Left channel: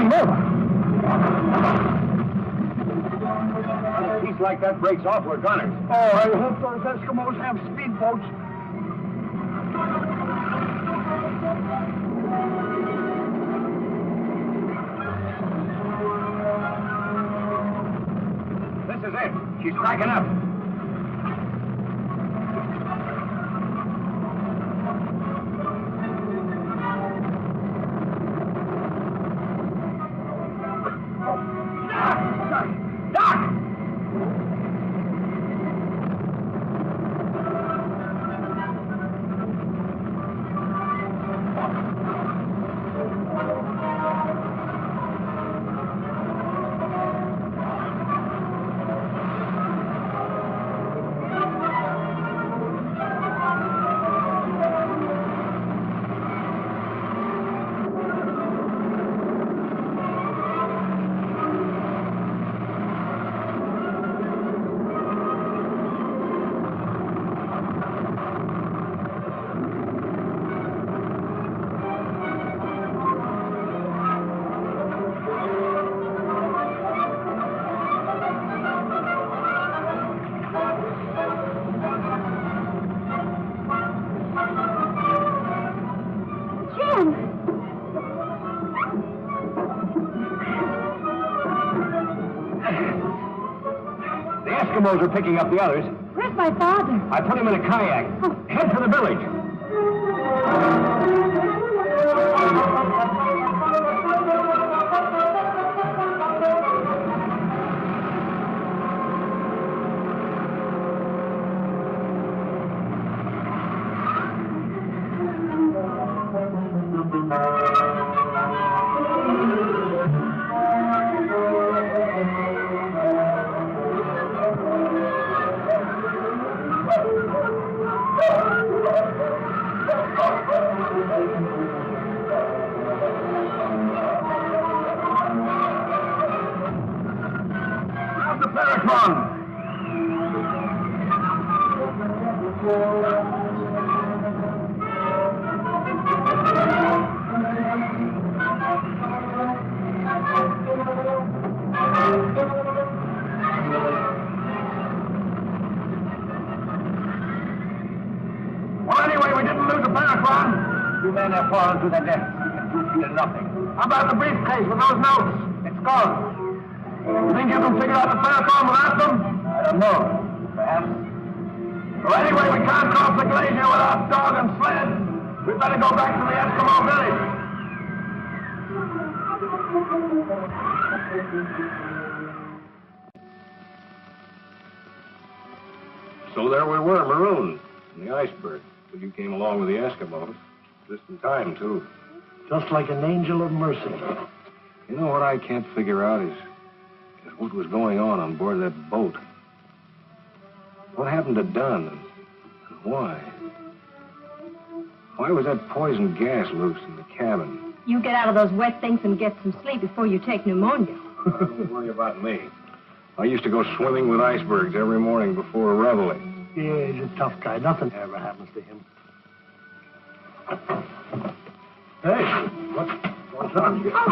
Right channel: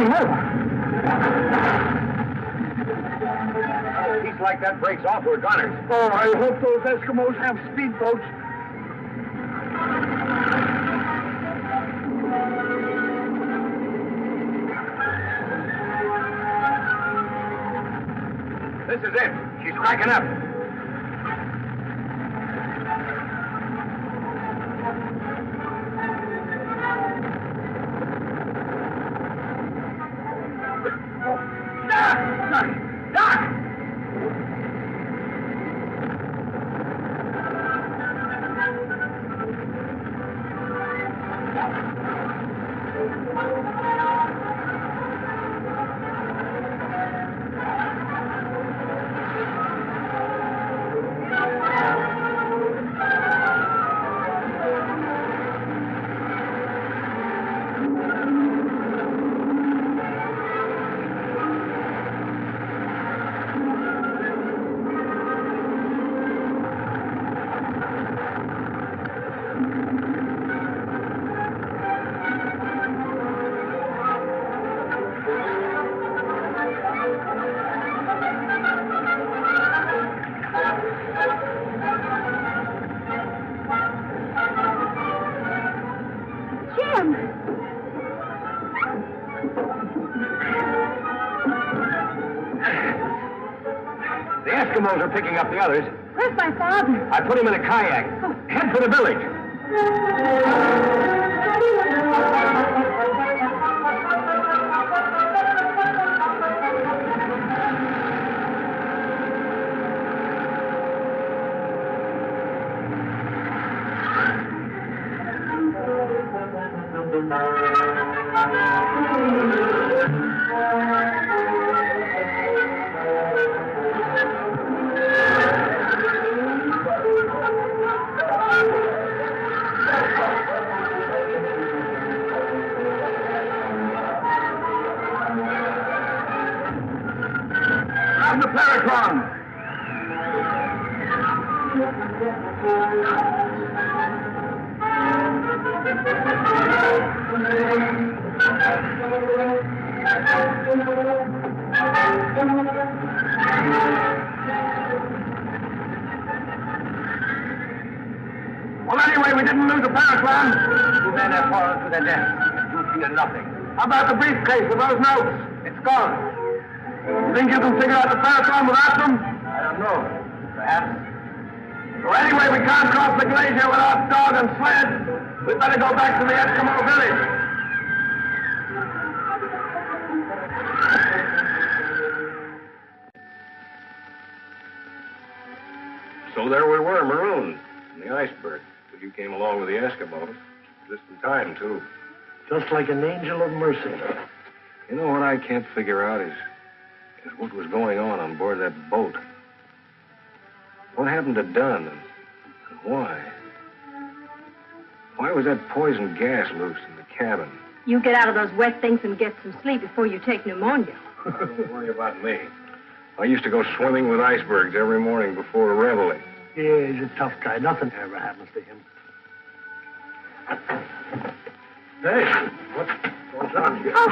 turning over. A piece like that breaks off, we're gunners. Oh, I hope those Eskimos have speedboats. This is it. She's cracking up. The Eskimos are picking up the others. Where's my father? I put him in a kayak. Oh. Head for the village. Grab the paratron. Well, anyway, we didn't lose the paratron. Two men have fallen to their death, and you feel nothing. How about the briefcase with those notes? It's gone. You think you can figure out the paratron without them? I don't know. Perhaps. Well, anyway, we can't cross the glacier without dog and sled. We'd better go back to the Eskimo village. So there we were, marooned in the iceberg. Till you came along with the Eskimos. Just in time, too. Just like an angel of mercy. You know what I can't figure out is what was going on board that boat. What happened to Dunn and why? Why was that poison gas loose in the cabin? You get out of those wet things and get some sleep before you take pneumonia. Don't worry about me. I used to go swimming with icebergs every morning before a reveille. Yeah, he's a tough guy. Nothing ever happens to him. Hey, what's on here? Oh.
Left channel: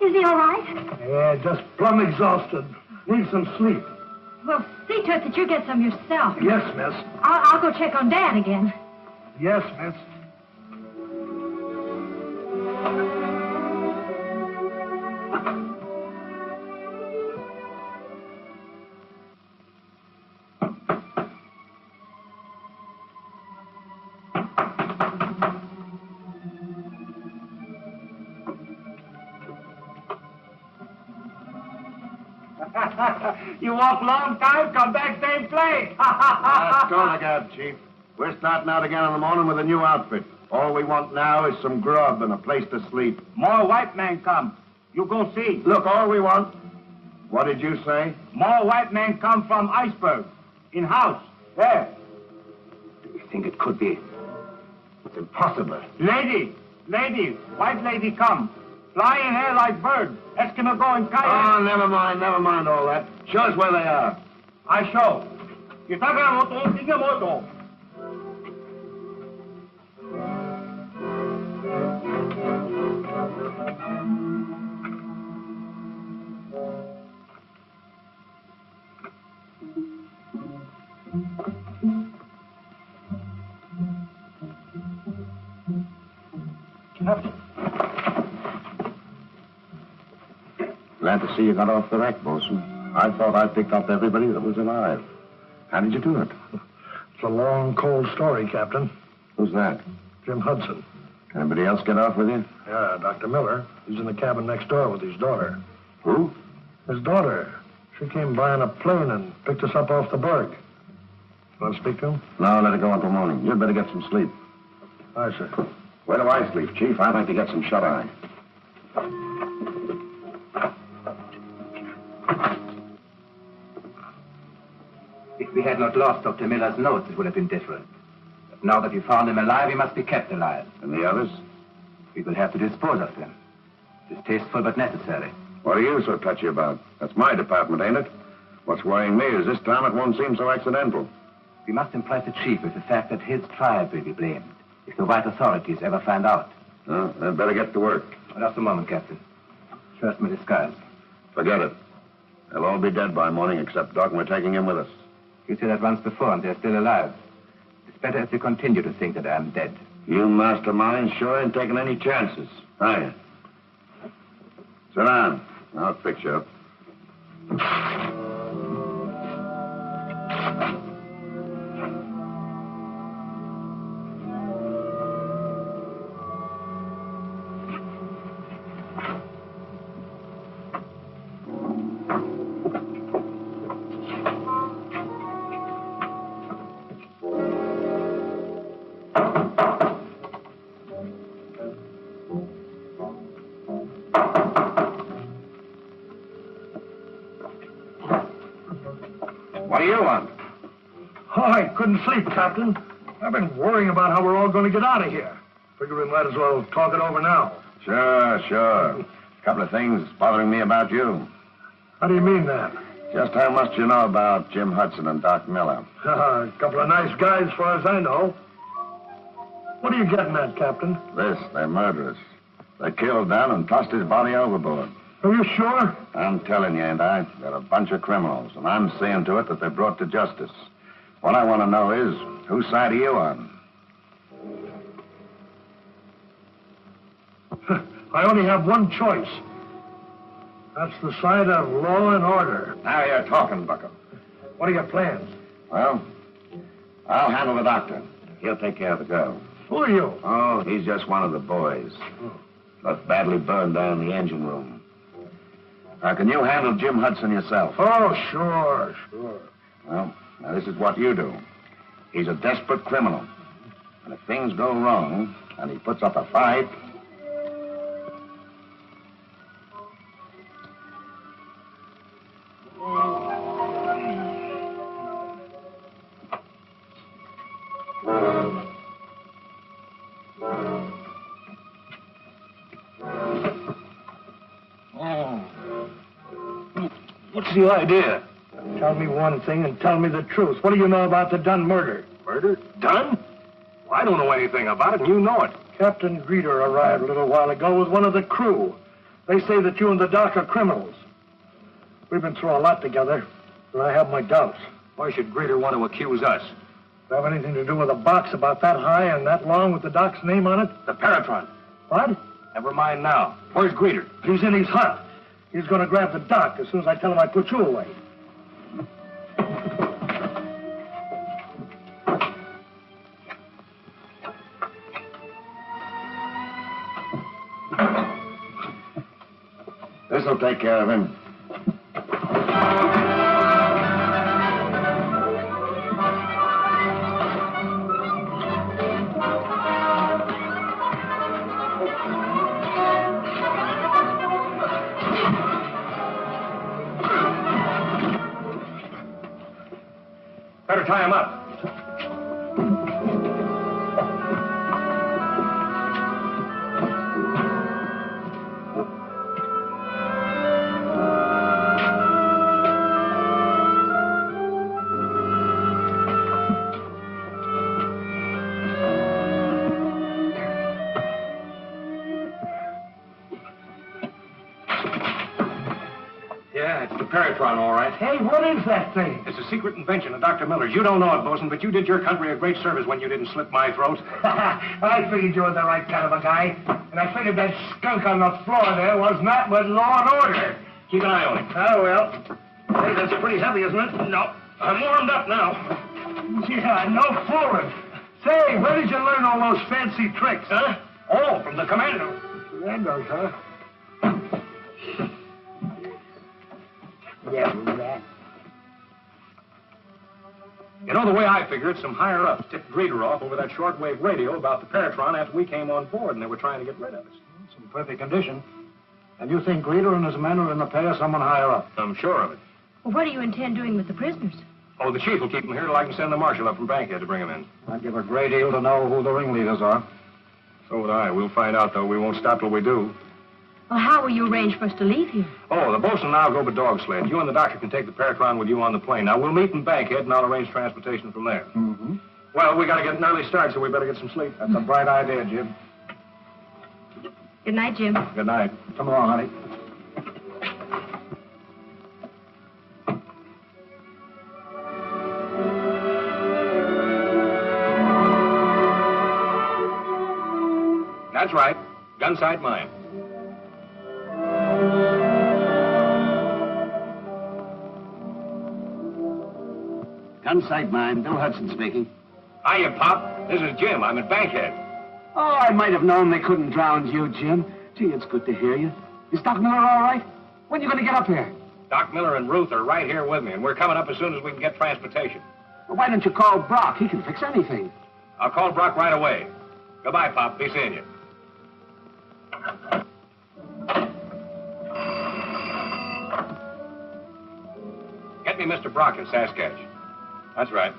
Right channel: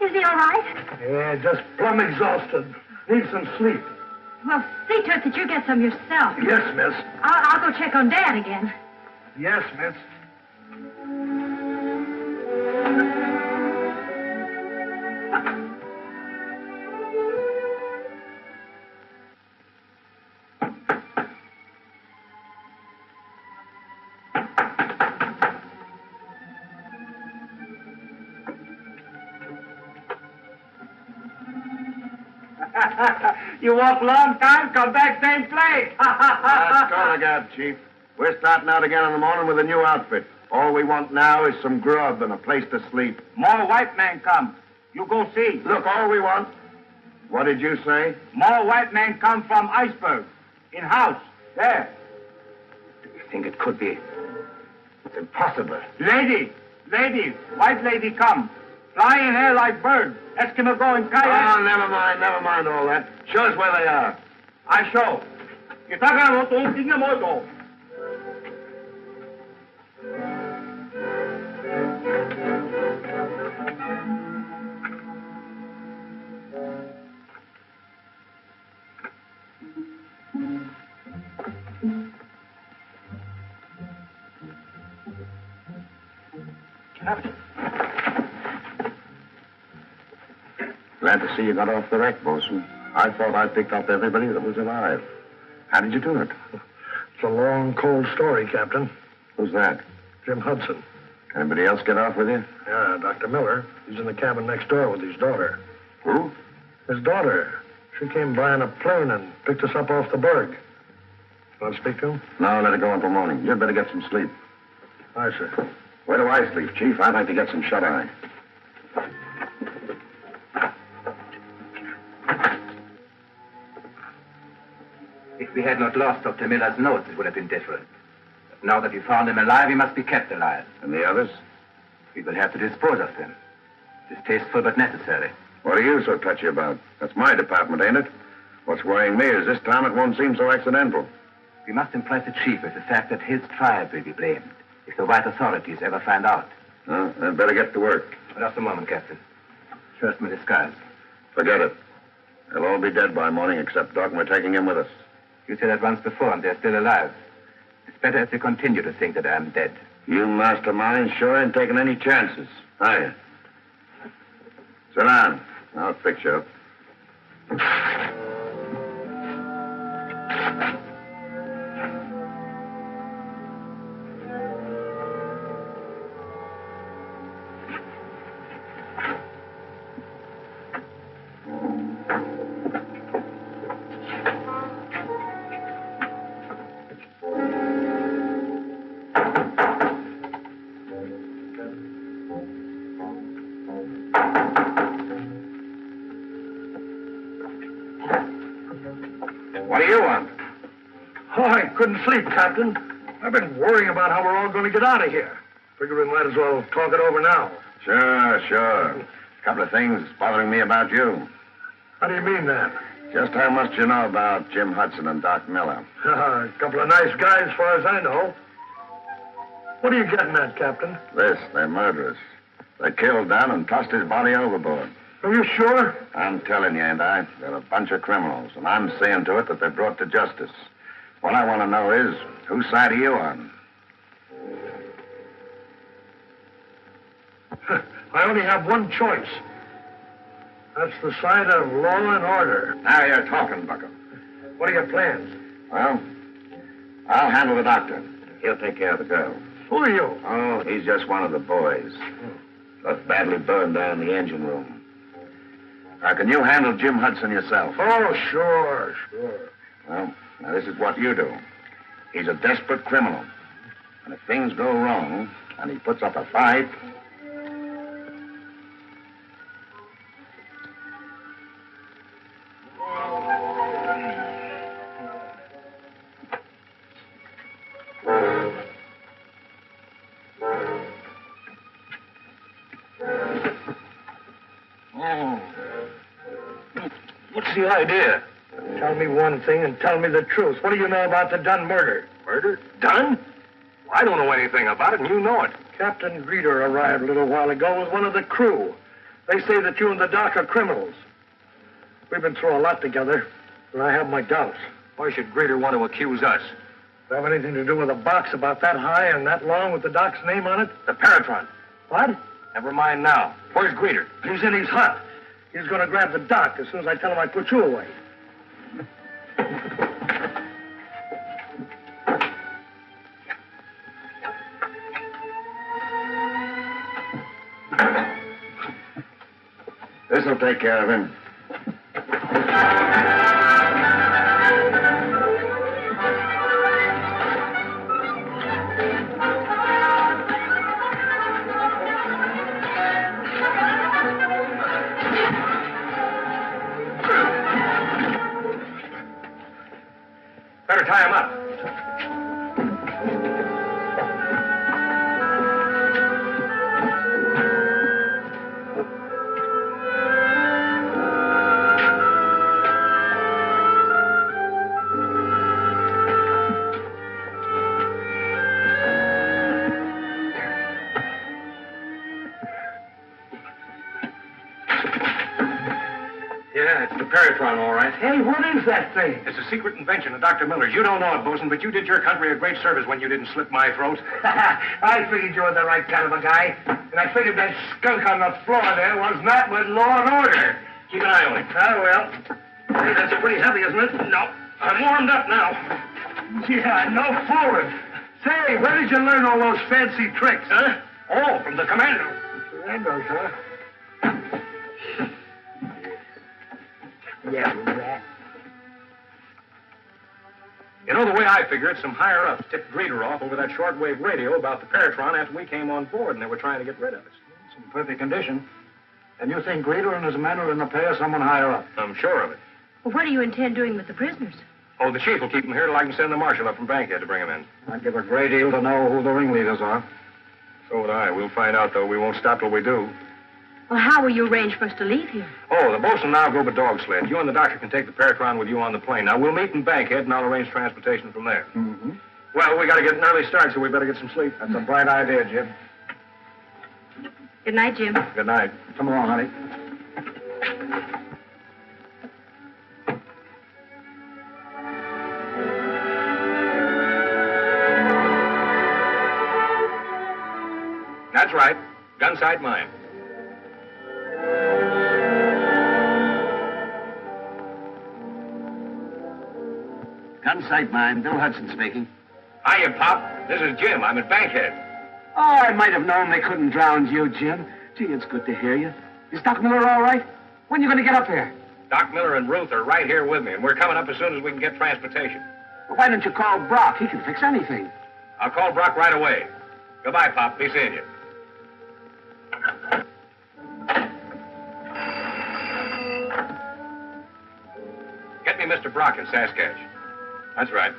Is he all right? Yeah, just plumb exhausted. Need some sleep. Well, see to it that you get some yourself. Yes, miss. I'll go check on Dad again. Yes, miss. You walk long time, come back same place. That's Klondike, Chief. We're starting out again in the morning with a new outfit. All we want now is some grub and a place to sleep. More white man come. You go see. Look, all we want... What did you say? More white man come from iceberg. In house. There. Do you think it could be? It's impossible. Lady. White lady come. Fly in air like bird. Eskimo go in kayak. Oh, never mind all that. Show us where they are. I show. Itaga moto, tinga moto. Glad to see you got off the wreck, Bosun. I thought I picked up everybody that was alive. How did you do it? It's a long, cold story, Captain. Who's that? Jim Hudson. Anybody else get off with you? Yeah, Dr. Miller. He's in the cabin next door with his daughter. Who? His daughter. She came by in a plane and picked us up off the berg. Want to speak to him? No, let it go until morning. You'd better get some sleep. Aye, sir. Where do I sleep, Chief? I'd like to get some shut-eye. If we had not lost Dr. Miller's notes, it would have been different. But now that we found him alive, he must be kept alive. And the others? We will have to dispose of them. Distasteful but necessary. What are you so touchy about? That's my department, ain't it? What's worrying me is this time it won't seem so accidental. We must impress the chief with the fact that his tribe will be blamed if the white authorities ever find out. Well, then better get to work. Just a moment, Captain. First, my disguise. Forget it. They'll all be dead by morning except Doc, and we're taking him with us. You said that once before, and they're still alive. It's better if they continue to think that I'm dead. You mastermind sure ain't taking any chances, are you? Sit down. I'll fix you up. What do you want? Oh, I couldn't sleep, Captain. I've been worrying about how we're all going to get out of here. Figure we might as well talk it over now. Sure. A couple of things bothering me about you. How do you mean that? Just how much do you know about Jim Hudson and Doc Miller? A couple of nice guys, as far as I know. What are you getting at, Captain? They're murderers. They killed Dan and tossed his body overboard. Are you sure? I'm telling you, ain't I? They're a bunch of criminals, and I'm seeing to it that they're brought to justice. What I want to know is, whose side are you on? I only have one choice. That's the side of law and order. Now you're talking, Bucko. What are your plans? Well, I'll handle the doctor. He'll take care of the girl. Who are you? Oh, he's just one of the boys. Got badly burned down in the engine room. Now, can you handle Jim Hudson yourself? Oh, sure. Well, now this is what you do. He's a desperate criminal. And if things go wrong, and he puts up a fight... What's the idea? Tell me one thing and tell me the truth. What do you know about the Dunn murder? Murder? Done? Well, I don't know anything about it, and you know it. Captain Greeter arrived a little while ago with one of the crew. They say that you and the doc are criminals. We've been through a lot together, and I have my doubts. Why should Greeter want to accuse us? Does it have anything to do with a box about that high and that long with the doc's name on it? The paratron. What? Never mind now. Where's Greeter? He's in his hut. He's going to grab the doc as soon as I tell him I put you away. This'll take care of him. Better tie him up. Yeah, it's the paratron, all right. Hey, what is that thing? It's a secret invention of Dr. Miller's. You don't know it, Bosun, but you did your country a great service when you didn't slit my throat. I figured you were the right kind of a guy. And I figured that skunk on the floor there was not but law and order. Keep an eye on him. Oh, well. Hey, that's pretty heavy, isn't it? No. I'm warmed up now. Yeah, no fooling. Say, where did you learn all those fancy tricks? Huh? Oh, from the commando. Commandos, huh? Yeah, rat. You know, the way I figure it, some higher-ups tipped Greeter off over that shortwave radio about the paratron after we came on board, and they were trying to get rid of us. It's in perfect condition. And you think Greeter and his men are in the pay of someone higher up? I'm sure of it. Well, what do you intend doing with the prisoners? Oh, the chief will keep them here till I can send the marshal up from Bankhead to bring them in. I'd give a great deal to know who the ringleaders are. So would I. We'll find out, though. We won't stop till we do. Well, how will you arrange for us to leave here? Oh, the bosun and I'll go by dog sled. You and the doctor can take the paratron with you on the plane. Now, we'll meet in Bankhead, and I'll arrange transportation from there. Mm-hmm. Well, we got to get an early start, so we better get some sleep. That's a bright idea, Jim. Good night, Jim. Good night. Come along, honey. That's right. Gun sight mine. Gun sight mine. Bill Hudson speaking. Hiya, Pop. This is Jim. I'm at Bankhead. Oh, I might have known they couldn't drown you, Jim. Gee, it's good to hear you. Is Doc Miller all right? When are you going to get up here? Doc Miller and Ruth are right here with me, and we're coming up as soon as we can get transportation. Well, why don't you call Brock? He can fix anything. I'll call Brock right away. Goodbye, Pop. Be seeing you. Get me Mr. Brock in Saskatch. That's right.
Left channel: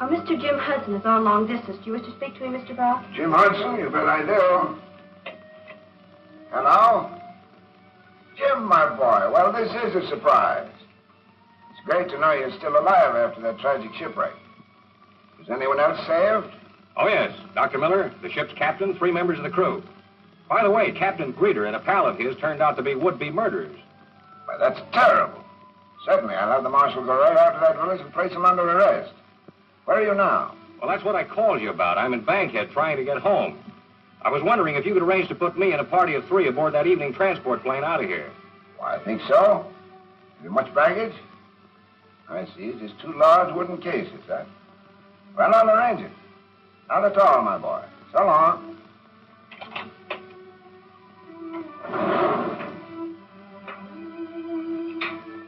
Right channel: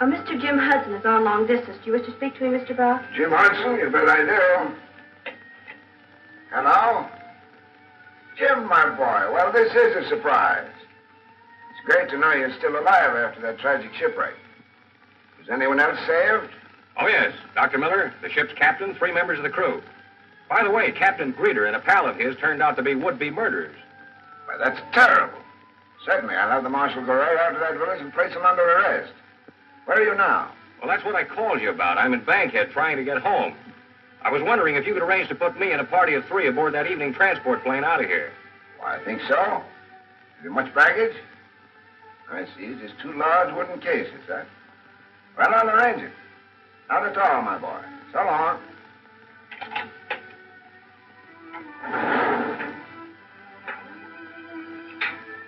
Mr. Jim Hudson is on long distance. Do you wish to speak to him, Mr. Brock? Jim Hudson, you bet I do. Hello? Jim, my boy, well, this is a surprise. It's great to know you're still alive after that tragic shipwreck. Was anyone else saved? Oh, yes. Dr. Miller, the ship's captain, 3 members of the crew. By the way, Captain Greeter and a pal of his turned out to be would-be murderers. Why, that's terrible. Certainly, I'll have the marshal go right out to that village and place him under arrest. Where are you now? Well, that's what I called you about. I'm in Bankhead trying to get home. I was wondering if you could arrange to put me and a party of 3 aboard that evening transport plane out of here. Why, I think so. Have you much baggage? I see. Just 2 large wooden cases, huh? Well, I'll arrange it. Not at all, my boy. So long.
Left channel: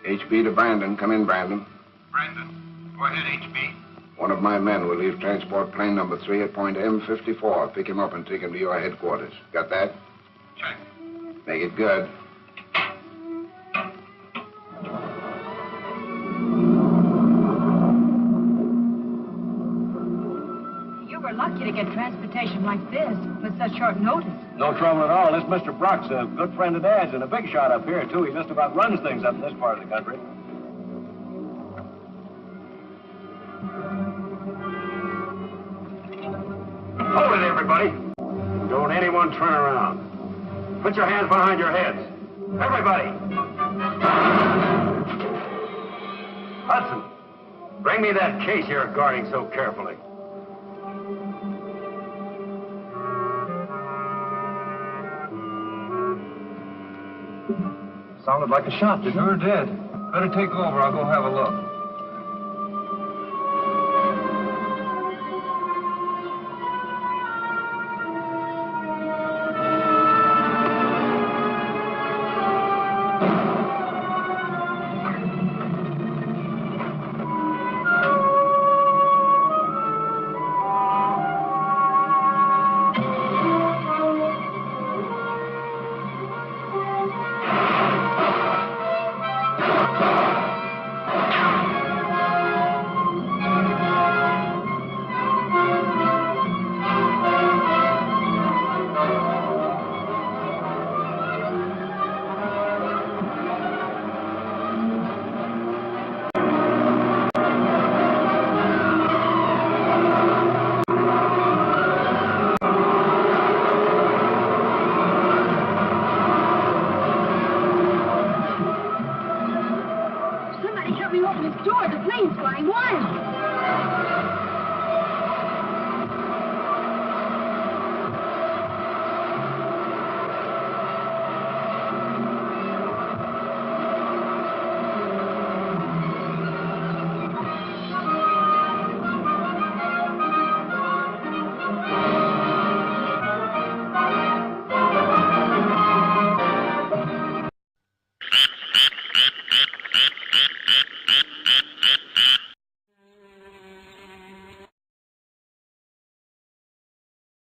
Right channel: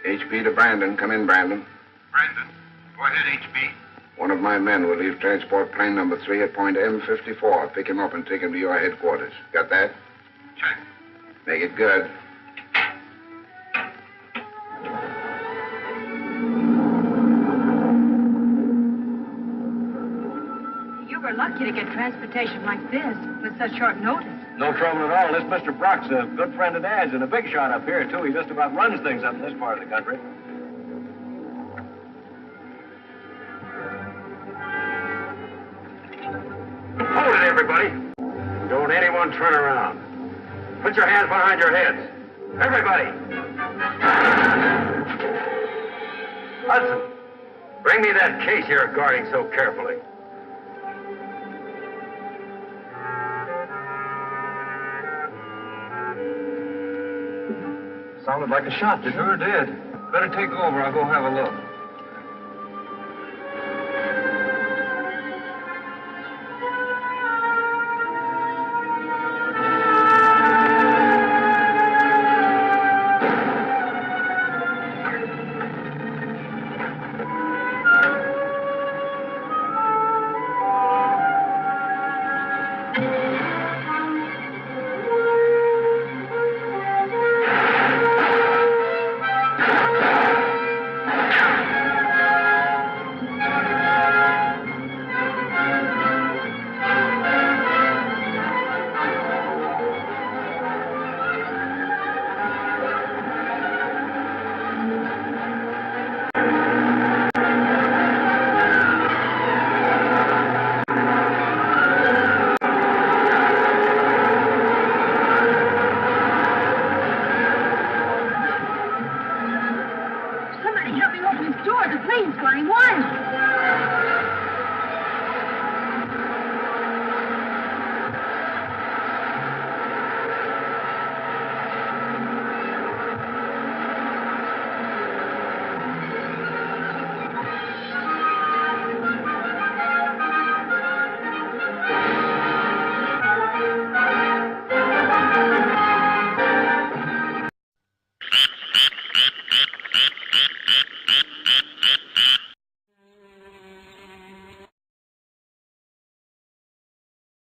HB to Brandon. Come in, Brandon. Brandon, go ahead, HB. One of my men will leave transport plane number 3 at point M54. Pick him up and take him to your headquarters. Got that? Check. Make it good. You were lucky to get transportation like this with such short notice. No trouble at all. This Mr. Brock's a good friend of Dad's and a big shot up here, too. He just about runs things up in this part of the country. Hold it, everybody. Don't anyone turn around. Put your hands behind your heads. Everybody. Hudson, bring me that case you're guarding so carefully. Sounded like a shot, didn't it? Sure did. Better take over. I'll go have a look. next door, the plane's flying wild.